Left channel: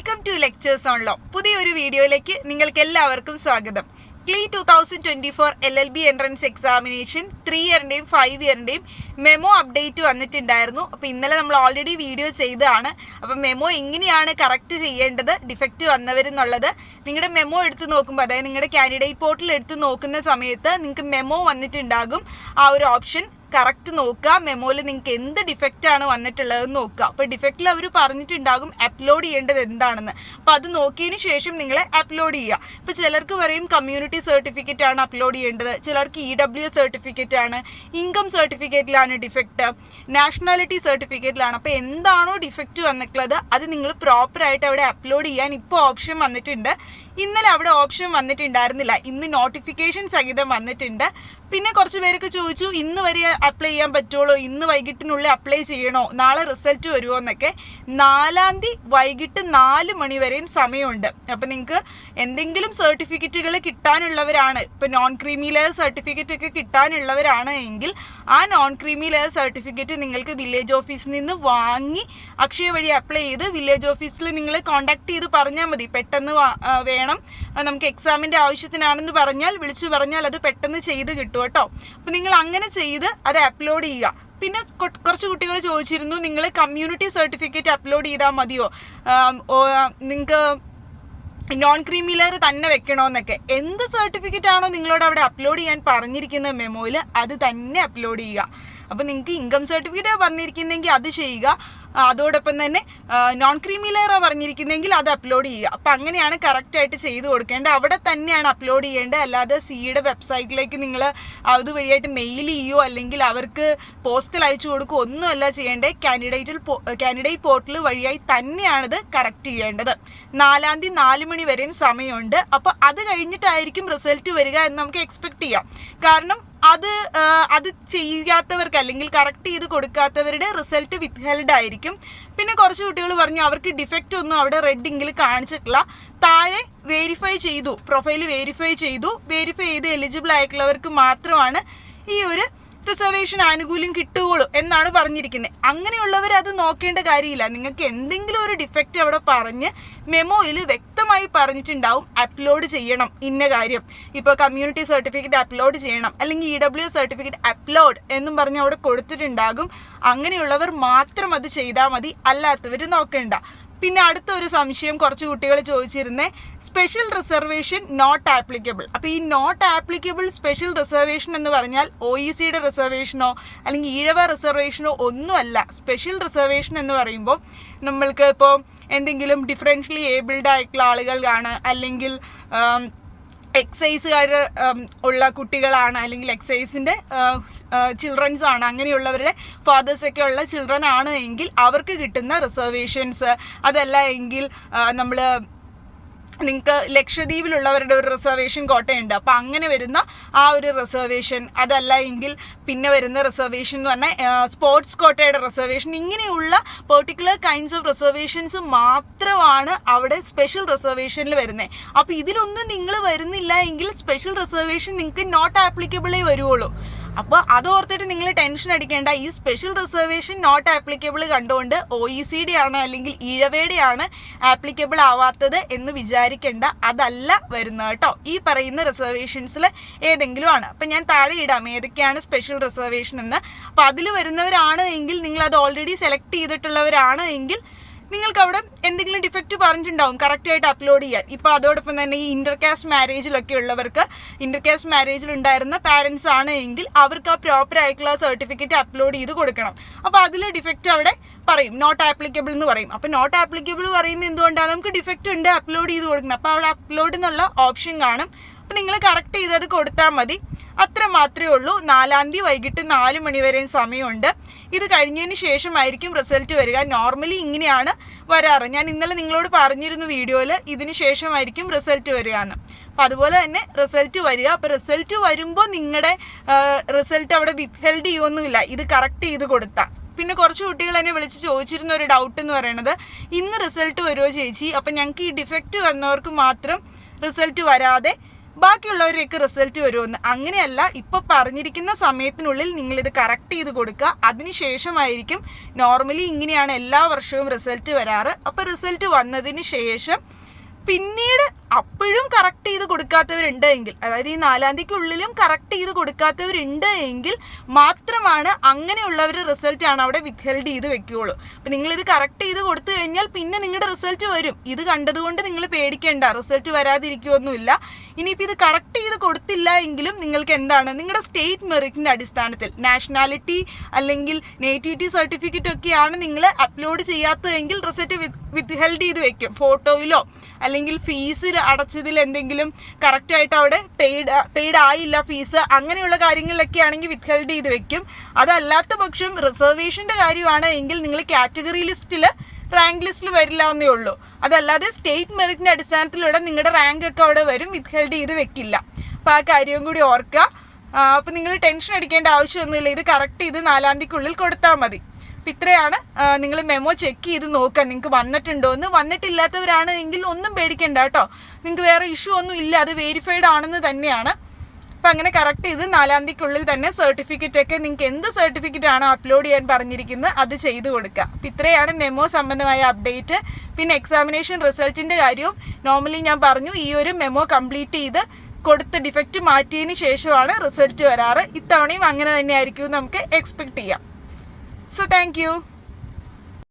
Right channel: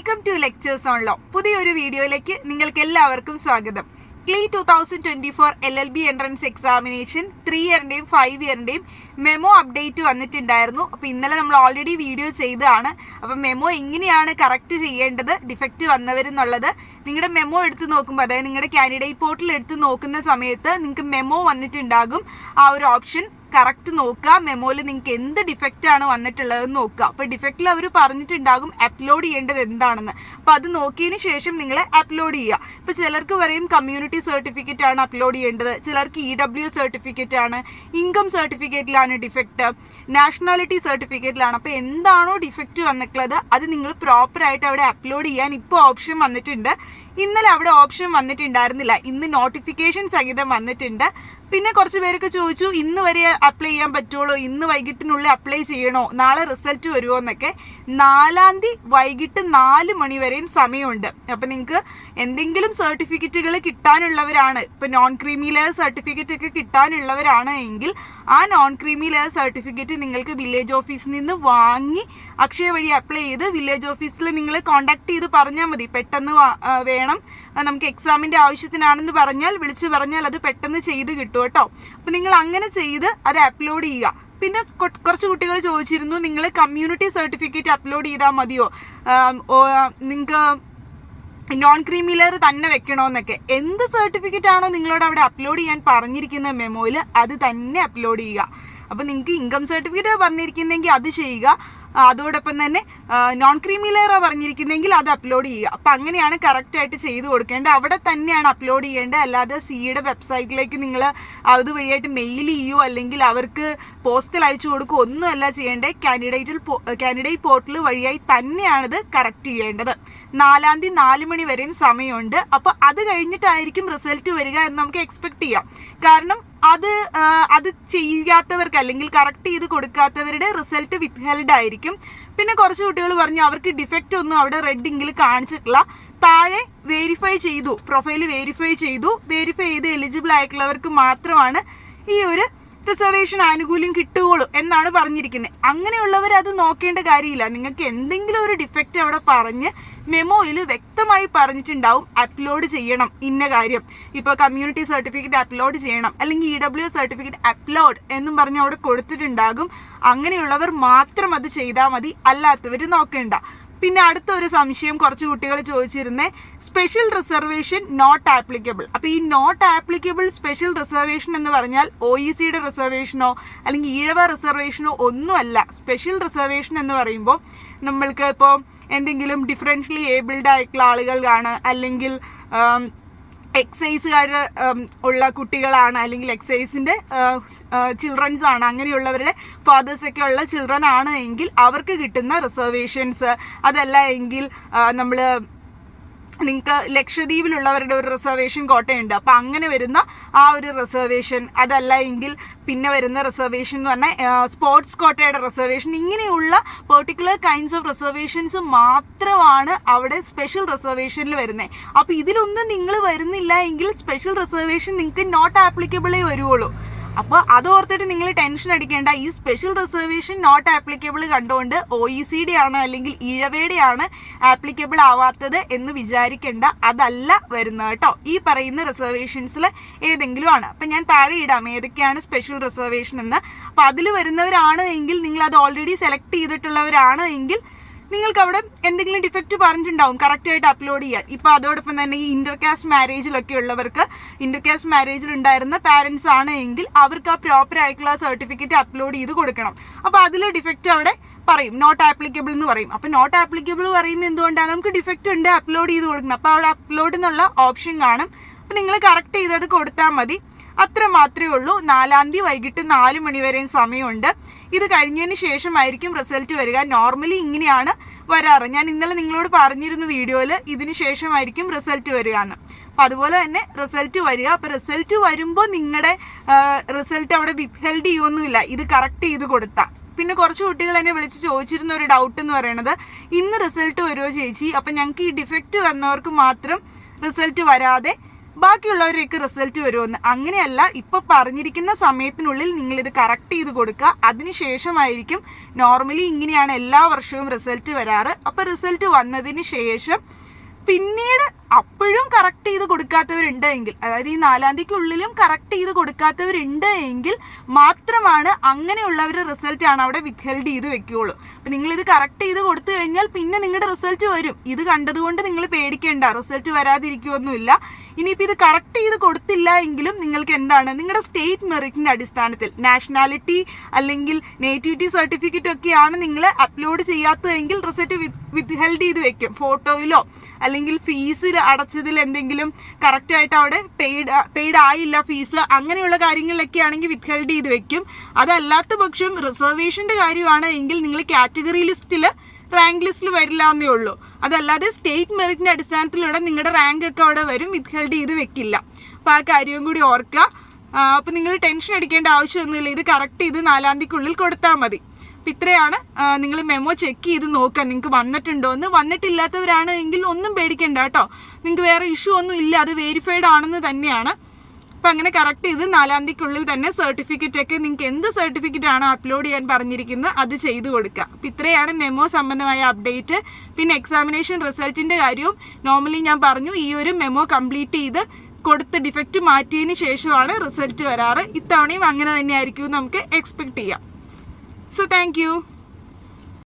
Welcome to lectures on law. പുതിയൊരു വീഡിയോയിലേക്ക് നിങ്ങൾക്ക് എല്ലാവർക്കും സ്വാഗതം. ക്ലീ 2024 LLB എൻട്രൻസ് എക്സാമിനേഷൻ 3 ഇയറിൻ്റെയും 5 ഇയറിൻ്റെയും മെമോ അപ്ഡേറ്റ് വന്നിട്ടുണ്ടായിരുന്നു. അപ്പോൾ ഇന്നലെ നമ്മൾ ഓൾറെഡി വീഡിയോ ചെയ്തതാണ്. അപ്പം മെമോ എങ്ങനെയാണ് കറക്റ്റ് ചെയ്യേണ്ടത്, ഡിഫക്റ്റ് വന്നവരെന്നുള്ളത് നിങ്ങളുടെ മെമോ എടുത്ത് നോക്കുമ്പോൾ, അതായത് നിങ്ങളുടെ കാൻഡിഡേറ്റ് പോർട്ടൽ എടുത്ത് നോക്കുന്ന സമയത്ത് നിങ്ങൾക്ക് മെമോ വന്നിട്ടുണ്ടാകും. ആ ഒരു ഓപ്ഷൻ കറക്റ്റ് നോക്കുക. മെമോയിൽ നിങ്ങൾക്ക് എന്ത് ഡിഫക്റ്റാണ് വന്നിട്ടുള്ളതെന്ന് നോക്കുക. അപ്പോൾ ഡിഫക്റ്റിൽ അവർ പറഞ്ഞിട്ടുണ്ടാകും അപ്ലോഡ് ചെയ്യേണ്ടത് എന്താണെന്ന്. അപ്പോൾ അത് നോക്കിയതിന് ശേഷം നിങ്ങൾ അപ്ലോഡ് ചെയ്യുക. ഇപ്പോൾ ചിലർക്ക് പറയും കമ്മ്യൂണിറ്റി സർട്ടിഫിക്കറ്റ് ആണ് അപ്ലോഡ് ചെയ്യേണ്ടത്, ചിലർക്ക് EWS സർട്ടിഫിക്കറ്റ് ആണ്, ഇൻകം സർട്ടിഫിക്കറ്റിലാണ് ഡിഫക്റ്റ്, നാഷണാലിറ്റി സർട്ടിഫിക്കറ്റിലാണ്. അപ്പോൾ എന്താണോ ഡിഫക്റ്റ് വന്നിട്ടുള്ളത് അത് നിങ്ങൾ പ്രോപ്പറായിട്ട് അവിടെ അപ്ലോഡ് ചെയ്യാൻ ഇപ്പോൾ ഓപ്ഷൻ വന്നിട്ടുണ്ട്. ഇന്നലെ അവിടെ ഓപ്ഷൻ വന്നിട്ടുണ്ടായിരുന്നില്ല, ഇന്ന് നോട്ടിഫിക്കേഷൻ സഹിതം വന്നിട്ടുണ്ട്. പിന്നെ കുറച്ച് പേരൊക്കെ ചോദിച്ചു ഇന്ന് വരെ അപ്ലൈ ചെയ്യാൻ പറ്റുള്ളൂ, ഇന്ന് വൈകിട്ടിനുള്ളിൽ അപ്ലൈ ചെയ്യണോ, നാളെ റിസൾട്ട് വരുമോ എന്നൊക്കെ. 4-ാം തീയതി വൈകിട്ട് 4 മണി വരെയും സമയമുണ്ട്. അപ്പം നിങ്ങൾക്ക് എന്തെങ്കിലും സർട്ടിഫിക്കറ്റുകൾ കിട്ടാനുള്ളവരാണ്, ഇപ്പം നോൺ ക്രീമി ലെയർ സർട്ടിഫിക്കറ്റ് ഒക്കെ കിട്ടാനുള്ളവരാണ് എങ്കിൽ ആ നോൺ ക്രീമി ലെയർ സർട്ടിഫിക്കറ്റ് നിങ്ങൾക്ക് വില്ലേജ് ഓഫീസിൽ നിന്ന് വാങ്ങി അക്ഷയ വഴി അപ്ലൈ ചെയ്ത് വില്ലേജ് ഓഫീസിൽ നിങ്ങൾ കോൺടാക്ട് ചെയ്ത് പറഞ്ഞാൽ മതി. പെട്ടെന്ന് വേണം, നമുക്ക് എക്സാമിൻ്റെ ആവശ്യത്തിനാണെന്ന് പറഞ്ഞാൽ വിളിച്ചു പറഞ്ഞാൽ അത് പെട്ടെന്ന് ചെയ്ത് കിട്ടും കേട്ടോ. അപ്പം നിങ്ങൾ അങ്ങനെ ചെയ്ത് അത് അപ്ലോഡ് ചെയ്യുക. പിന്നെ കുറച്ച് കുട്ടികൾ ചോദിച്ചിരുന്നു നിങ്ങൾ കമ്മ്യൂണിറ്റി സർട്ടിഫിക്കറ്റ് അപ്ലോഡ് ചെയ്താൽ മതിയോ, നിങ്ങൾക്ക് നോൺ ക്രീമി ലെയർ തന്നെ വെക്കണമെന്നൊക്കെ. എന്ത് സർട്ടിഫിക്കറ്റ് ആണോ നിങ്ങളോട് അവിടെ അപ്ലോഡ് ചെയ്യാൻ പറഞ്ഞിരിക്കുന്ന മെമോയിൽ അത് തന്നെ അപ്ലോഡ് ചെയ്യുക. അപ്പോൾ നിങ്ങൾക്ക് ഇൻകം സർട്ടിഫിക്കറ്റ് പറഞ്ഞിരിക്കുന്നെങ്കിൽ അത് ചെയ്യുക, അതോടൊപ്പം തന്നെ നോൺ ക്രീമി ലെയറാണ് പറഞ്ഞിരിക്കുന്നതെങ്കിൽ അത് അപ്ലോഡ് ചെയ്യുക. അപ്പം അങ്ങനെയാണ് കറക്റ്റായിട്ട് ചെയ്ത് കൊടുക്കേണ്ടത്, അവിടെ തന്നെയാണ് അപ്ലോഡ് ചെയ്യേണ്ടത്. അല്ലാതെ സിയുടെ വെബ്സൈറ്റിലേക്ക് നിങ്ങൾ അതുവഴിയായിട്ട് മെയിൽ ചെയ്യുകയോ അല്ലെങ്കിൽ അവർക്ക് പോസ്റ്റൽ അയച്ചു കൊടുക്കുകയോ ഒന്നുമല്ല ചെയ്യേണ്ടത്. കാൻഡിഡേറ്റ് പോർട്ടൽ വഴിയായി തന്നെയാണിത് കറക്റ്റ് ചെയ്യേണ്ടത്. 4-ാം തീയതി 4 മണി വരെയും സമയമുണ്ട്. അപ്പോൾ അത് കഴിഞ്ഞിട്ടായിരിക്കും റിസൾട്ട് വരിക എന്ന് നമുക്ക് എക്സ്പെക്ട് ചെയ്യാം. കാരണം അത് ചെയ്യാത്തവർക്ക് അല്ലെങ്കിൽ കറക്റ്റ് ചെയ്ത് കൊടുക്കാത്തവരുടെ റിസൾട്ട് വിത്ത്ഹെൽഡ് ആയിരിക്കും. പിന്നെ കുറച്ച് കുട്ടികൾ പറഞ്ഞു അവർക്ക് ഡിഫക്റ്റ് ഒന്നും അവിടെ റെഡിങ്കിൽ കാണിച്ചിട്ടില്ല, താഴെ വെരിഫൈ ചെയ്തു, പ്രൊഫൈൽ വെരിഫൈ ചെയ്ത് എലിജിബിൾ ആയിട്ടുള്ളവർക്ക് മാത്രമാണ് ഈ ഒരു റിസർവേഷൻ ആനുകൂല്യം കിട്ടുകയുള്ളൂ എന്നാണ് പറഞ്ഞിരിക്കുന്നത്. അങ്ങനെയുള്ളവർ അത് നോക്കേണ്ട കാര്യമില്ല. നിങ്ങൾക്ക് എന്തെങ്കിലും ഒരു ഡിഫക്റ്റ് അവിടെ പറഞ്ഞ് മെമോയിൽ വ്യക്തമായി പറഞ്ഞിട്ടുണ്ടാവും അപ്ലോഡ് ചെയ്യണം ഇന്ന കാര്യം. ഇപ്പോൾ കമ്മ്യൂണിറ്റി സർട്ടിഫിക്കറ്റ് അപ്ലോഡ് ചെയ്യണം അല്ലെങ്കിൽ EWS സർട്ടിഫിക്കറ്റ് അപ്ലോഡ് എന്നും പറഞ്ഞ് അവിടെ കൊടുത്തിട്ടുണ്ടാകും. അങ്ങനെയുള്ളവർ മാത്രം അത് ചെയ്താൽ മതി, അല്ലാത്തവർ നോക്കേണ്ട. പിന്നെ അടുത്തൊരു സംശയം കുറച്ച് കുട്ടികൾ ചോദിച്ചിരുന്നേ, സ്പെഷ്യൽ റിസർവേഷൻ നോട്ട് ആപ്ലിക്കബിൾ. അപ്പോൾ ഈ നോട്ട് ആപ്ലിക്കബിൾ സ്പെഷ്യൽ റിസർവേഷൻ എന്ന് പറഞ്ഞാൽ OECയുടെ റിസർവേഷനോ അല്ലെങ്കിൽ ഈഴവ റിസർവേഷനോ ഒന്നുമല്ല. സ്പെഷ്യൽ റിസർവേഷൻ എന്ന് പറയുമ്പോൾ നമ്മൾക്ക് ഇപ്പോൾ എന്തെങ്കിലും ഡിഫറൻഷ്യലി ഏബിൾഡ് ആയിട്ടുള്ള ആളുകളാണ്, അല്ലെങ്കിൽ എക്സൈസുകാർ ഉള്ള കുട്ടികളാണ്, അല്ലെങ്കിൽ എക്സൈസിൻ്റെ ചിൽഡ്രൻസ് ആണ്, അങ്ങനെയുള്ളവരുടെ ഫാദേഴ്സൊക്കെ ഉള്ള ചിൽഡ്രൻ ആണ് എങ്കിൽ അവർക്ക് കിട്ടുന്ന റിസർവേഷൻസ്. അതല്ല എങ്കിൽ നിങ്ങൾക്ക് ലക്ഷദ്വീപിലുള്ളവരുടെ ഒരു റിസർവേഷൻ കോട്ടയുണ്ട്, അപ്പോൾ അങ്ങനെ വരുന്ന ആ ഒരു റിസർവേഷൻ. അതല്ല എങ്കിൽ പിന്നെ വരുന്ന റിസർവേഷൻ എന്ന് പറഞ്ഞാൽ സ്പോർട്സ് കോട്ടയുടെ റിസർവേഷൻ. ഇങ്ങനെയുള്ള പെർട്ടിക്കുലർ കൈൻഡ്സ് ഓഫ് റിസർവേഷൻസ് മാത്രമാണ് അവിടെ സ്പെഷ്യൽ റിസർവേഷനിൽ വരുന്നത്. അപ്പോൾ ഇതിലൊന്നും നിങ്ങൾ വരുന്നില്ല എങ്കിൽ സ്പെഷ്യൽ റിസർവേഷൻ നിങ്ങൾക്ക് നോട്ട് ആപ്ലിക്കബിളേ വരുള്ളൂ. അപ്പോൾ അതോർത്തിട്ട് നിങ്ങൾ ടെൻഷൻ അടിക്കേണ്ട. ഈ സ്പെഷ്യൽ റിസർവേഷൻ നോട്ട് ആപ്ലിക്കബിൾ കണ്ടുകൊണ്ട് OECD ആണ് അല്ലെങ്കിൽ ഈഴവയുടെ ആണ് ആപ്ലിക്കബിൾ ആവാത്തത് എന്ന് വിചാരിക്കേണ്ട. അതല്ല വരുന്നത് കേട്ടോ. ഈ പറയുന്ന റിസർവേഷൻസിൽ ഏതെങ്കിലും ആണ്. അപ്പം ഞാൻ താഴെ ഇടാം ഏതൊക്കെയാണ് സ്പെഷ്യൽ റിസർവേഷൻ എന്ന്. അപ്പോൾ അതിൽ വരുന്നവരാണ് എങ്കിൽ, നിങ്ങളത് ഓൾറെഡി സെലക്ട് ചെയ്തിട്ടുള്ളവരാണ് എങ്കിൽ നിങ്ങൾക്ക് അവിടെ എന്തെങ്കിലും ഡിഫക്റ്റ് പറഞ്ഞിട്ടുണ്ടാവും കറക്റ്റായിട്ട് അപ്ലോഡ് ചെയ്യാൻ. ഇപ്പോൾ അതോടൊപ്പം തന്നെ ഈ ഇൻ്റർകാസ്റ്റ് മാരേജിലൊക്കെ ഉള്ളവർക്ക്, ഇൻ്റർകാസ്റ്റ് മാരേജിൽ ഉണ്ടായിരുന്ന പാരൻസ് ആണ് എങ്കിൽ അവർക്ക് ആ പ്രോപ്പർ ആയിട്ടുള്ള സർട്ടിഫിക്കറ്റ് അപ്ലോഡ് ചെയ്ത് കൊടുക്കണം. അപ്പോൾ അതിൽ ഡിഫക്റ്റ് അവിടെ പറയും, നോട്ട് ആപ്ലിക്കബിൾ എന്ന് പറയും. അപ്പോൾ നോട്ട് ആപ്ലിക്കബിൾ പറയുന്നത് എന്തുകൊണ്ടാണ്, നമുക്ക് ഡിഫക്റ്റ് ഉണ്ട്, അപ്ലോഡ് ചെയ്ത് കൊടുക്കണം. അപ്പോൾ അവിടെ അപ്ലോഡ് എന്നുള്ള ഓപ്ഷൻ കാണും. അപ്പോൾ നിങ്ങൾ കറക്റ്റ് ചെയ്തത് കൊടുത്താൽ മതി. അത്ര മാത്രമേ ഉള്ളൂ. 4-ാം തീയതി വൈകിട്ട് 4 മണി വരെയും സമയമുണ്ട്. ഇത് കഴിഞ്ഞതിന് ശേഷമായിരിക്കും റിസൾട്ട് വരിക. നോർമലി ഇങ്ങനെയാണ് വരാറ്. ഞാൻ ഇന്നലെ നിങ്ങളോട് പറഞ്ഞിരുന്നു വീഡിയോയിൽ, ഇതിന് ശേഷമായിരിക്കും റിസൾട്ട് വരിക എന്ന്. അപ്പോൾ അതുപോലെ തന്നെ റിസൾട്ട് വരിക. അപ്പോൾ റിസൾട്ട് വരുമ്പോൾ നിങ്ങളുടെ റിസൾട്ട് അവിടെ വിത്ത്ഹെൽഡ് ചെയ്യുമൊന്നുമില്ല, ഇത് കറക്റ്റ് ചെയ്ത് കൊടുത്താൽ. പിന്നെ കുറച്ച് കുട്ടികൾ എന്നെ വിളിച്ച് ചോദിച്ചിരുന്ന ഒരു ഡൗട്ട് എന്ന് പറയുന്നത്, ഇന്ന് റിസൾട്ട് വരുമോ ചേച്ചി, അപ്പം ഞങ്ങൾക്ക് ഈ ഡിഫക്റ്റ് വന്നവർക്ക് മാത്രം റിസൾട്ട് വരാതെ ബാക്കിയുള്ളവരൊക്കെ റിസൾട്ട് വരുമെന്ന്. അങ്ങനെയല്ല, ഇപ്പോൾ പറഞ്ഞിരിക്കുന്ന സമയത്തിനുള്ളിൽ നിങ്ങളിത് കറക്റ്റ് ചെയ്ത് കൊടുക്കുക. അതിനുശേഷമായിരിക്കും നോർമലി ഇങ്ങനെയാണ് എല്ലാ വർഷവും റിസൾട്ട് വരാറ്. അപ്പോൾ റിസൾട്ട് വന്നതിന് ശേഷം പിന്നീട് അപ്പോഴും കറക്റ്റ് ചെയ്ത് കൊടുക്കാത്തവരുണ്ട് എങ്കിൽ, അതായത് ഈ 4-ാം തീയതിക്കുള്ളിലും കറക്റ്റ് ചെയ്ത് കൊടുക്കാത്തവരുണ്ട് എങ്കിൽ മാത്രമാണ് അങ്ങനെയുള്ളവർ റിസൾട്ടാണ് അവിടെ വിത്ത്ഹെൽഡ് ചെയ്ത് വെക്കുകയുള്ളൂ. അപ്പം നിങ്ങളിത് കറക്റ്റ് ചെയ്ത് കൊടുത്തു കഴിഞ്ഞാൽ പിന്നെ നിങ്ങളുടെ റിസൾട്ട് വരും. ഇത് കണ്ടതുകൊണ്ട് നിങ്ങൾ പേടിക്കേണ്ട, റിസൾട്ട് വരാതിരിക്കുകയൊന്നുമില്ല. ഇനിയിപ്പോൾ ഇത് കറക്റ്റ് ചെയ്ത് കൊടുത്തില്ല എങ്കിലും നിങ്ങൾക്ക് എന്താണ്, നിങ്ങളുടെ സ്റ്റേറ്റ് മെറിറ്റിൻ്റെ അടിസ്ഥാനത്തിൽ നാഷണാലിറ്റി അല്ലെങ്കിൽ നേറ്റിവിറ്റി സർട്ടിഫിക്കറ്റ് ഒക്കെയാണ് നിങ്ങൾ അപ്ലോഡ് ചെയ്യാത്തതെങ്കിൽ റിസൾട്ട് വിത്ത്ഹെൽഡ് ചെയ്ത് വെക്കും. ഫോട്ടോയിലോ അല്ലെങ്കിൽ ഫീസിൽ അടച്ചതിൽ എന്തെങ്കിലും കറക്റ്റായിട്ട് അവിടെ പെയ്ഡ് ആയില്ല ഫീസ്, അങ്ങനെയുള്ള കാര്യങ്ങളിലൊക്കെ ആണെങ്കിൽ വിത്ത്ഹെൽഡ് ചെയ്ത് വെക്കും. അതല്ലാത്ത പക്ഷം റിസർവേഷൻ്റെ കാര്യമാണ് എങ്കിൽ നിങ്ങൾ കാറ്റഗറി ലിസ്റ്റിൽ റാങ്ക് ലിസ്റ്റിൽ വരില്ല എന്നേ ഉള്ളൂ. അതല്ലാതെ സ്റ്റേറ്റ് മെറിറ്റിൻ്റെ അടിസ്ഥാനത്തിലൂടെ നിങ്ങളുടെ റാങ്ക് ഒക്കെ അവിടെ വരും, വിത്ത്ഹെൽഡ് ചെയ്ത് വെക്കില്ല. അപ്പോൾ ആ കാര്യവും കൂടി ഓർക്കുക. അപ്പോൾ നിങ്ങൾ ടെൻഷൻ അടിക്കേണ്ട ആവശ്യമൊന്നുമില്ല, ഇത് കറക്റ്റ് ചെയ്ത് 4-ാം തീയതിക്കുള്ളിൽ കൊടുത്താൽ മതി. അപ്പം ഇത്രയാണ്. നിങ്ങൾ മെമ്മോ ചെക്ക് ചെയ്ത് നോക്കുക നിങ്ങൾക്ക് വന്നിട്ടുണ്ടോ എന്ന്. വന്നിട്ടില്ലാത്തവരാണ് എങ്കിൽ ഒന്നും പേടിക്കേണ്ട കേട്ടോ, നിങ്ങൾക്ക് വേറെ ഇഷ്യൂ ഒന്നും ഇല്ല, അത് വെരിഫൈഡ് ആണെന്ന് തന്നെയാണ്. അപ്പം അങ്ങനെ കറക്റ്റ് ചെയ്ത് 4-ാം തീയതിക്കുള്ളിൽ തന്നെ സർട്ടിഫിക്കറ്റൊക്കെ നിങ്ങൾക്ക് എന്ത് സർട്ടിഫിക്കറ്റ് ആണോ അപ്ലോഡ് ചെയ്യാൻ പറഞ്ഞിരിക്കുന്നത് അത് ചെയ്ത് കൊടുക്കുക. അപ്പം ഇത്രയാണ് മെമ്മോ സംബന്ധമായ അപ്ഡേറ്റ്. പിന്നെ എക്സാമിനേഷൻ റിസൾട്ടിൻ്റെ കാര്യവും നോർമലി ഞാൻ പറഞ്ഞു, ഈ ഒരു മെമ്മോ കംപ്ലീറ്റ് ചെയ്ത് കൊടുത്ത് ഡിഫക്റ്റ് മാറ്റിയതിന് ശേഷമാണ് റിസൾട്ട് വരാറ്. ഇത്തവണയും അങ്ങനെ തന്നെയായിരിക്കും നമുക്ക് എക്സ്പെക്റ്റ് ചെയ്യാം. So thank you.